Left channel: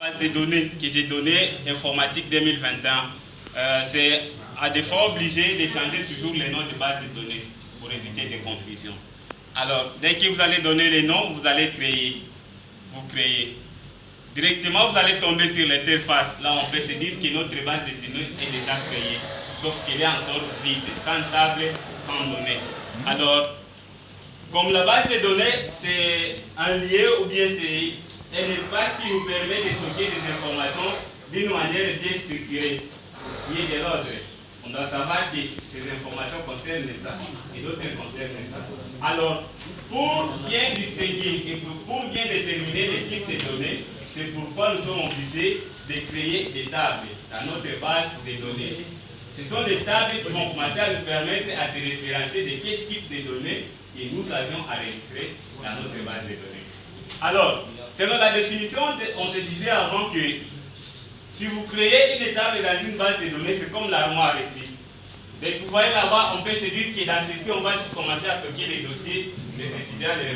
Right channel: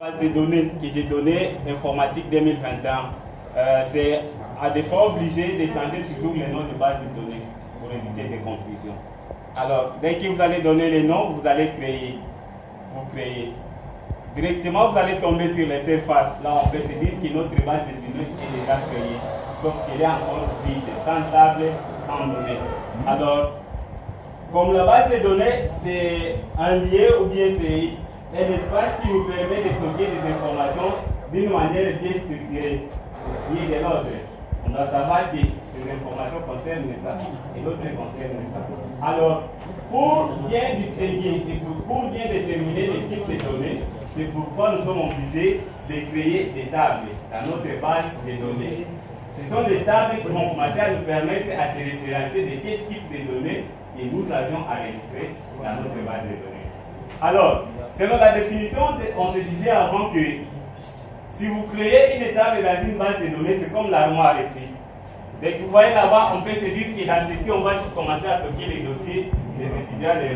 Base de données que j'ai donné, informatique 2021, c'est à des fois obligé de changer toujours les noms de base de données pour éviter des confusions. Alors, dès que vous allez donner les noms, vous allez créer. Vous créez. Directement, vous allez tomber sur l'interface. Là, on peut se dire que notre base de données est déjà créée, sauf qu'elle est encore vide, sans table, sans données. Alors, comme la base de données, c'est un lieu ou bien c'est un espace qui nous permet de stocker des informations d'une manière déstructurée, qui est de l'ordre. On doit savoir que ces informations concernent ça et d'autres concernent ça. Alors, pour bien distinguer et pour bien déterminer les types de données, c'est pourquoi nous sommes obligés de créer des tables dans notre base de données. Ce sont des tables qui vont commencer à nous permettre à se référencer de quel type de données que nous avions enregistré dans notre base de données. Alors, selon la définition, on se disait avant que si vous créez une table dans une base de données, c'est comme l'armoire ici. Donc, vous voyez là-bas, on peut se dire que dans ceci, on va commencer à stocker les dossiers des étudiants de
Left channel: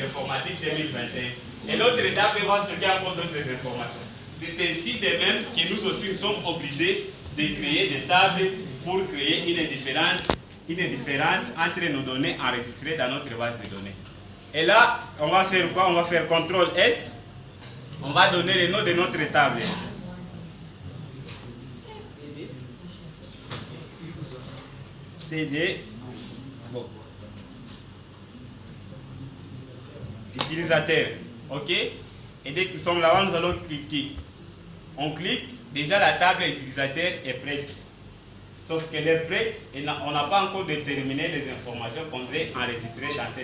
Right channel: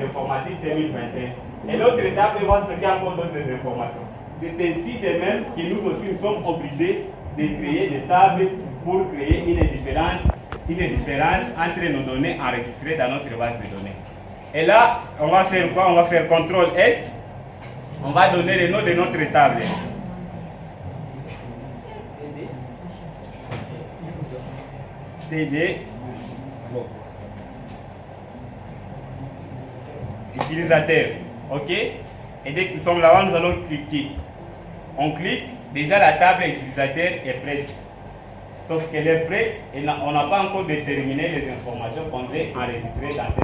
l'informatique 2021. Et l'autre étape va stocker encore d'autres informations. C'est ainsi de même que nous aussi nous sommes obligés de créer des tables pour créer une différence entre nos données enregistrées dans notre base de données. Et là, on va faire quoi? On va faire CTRL S. On va donner le nom de notre table. TD. Bon. Utilisateur. OK? Et dès que nous sommes là-bas, nous allons cliquer. On clique. Déjà, la table utilisateur est prête. Sauf qu'elle est prête et on n'a pas encore déterminé les informations qu'on veut enregistrer dans cette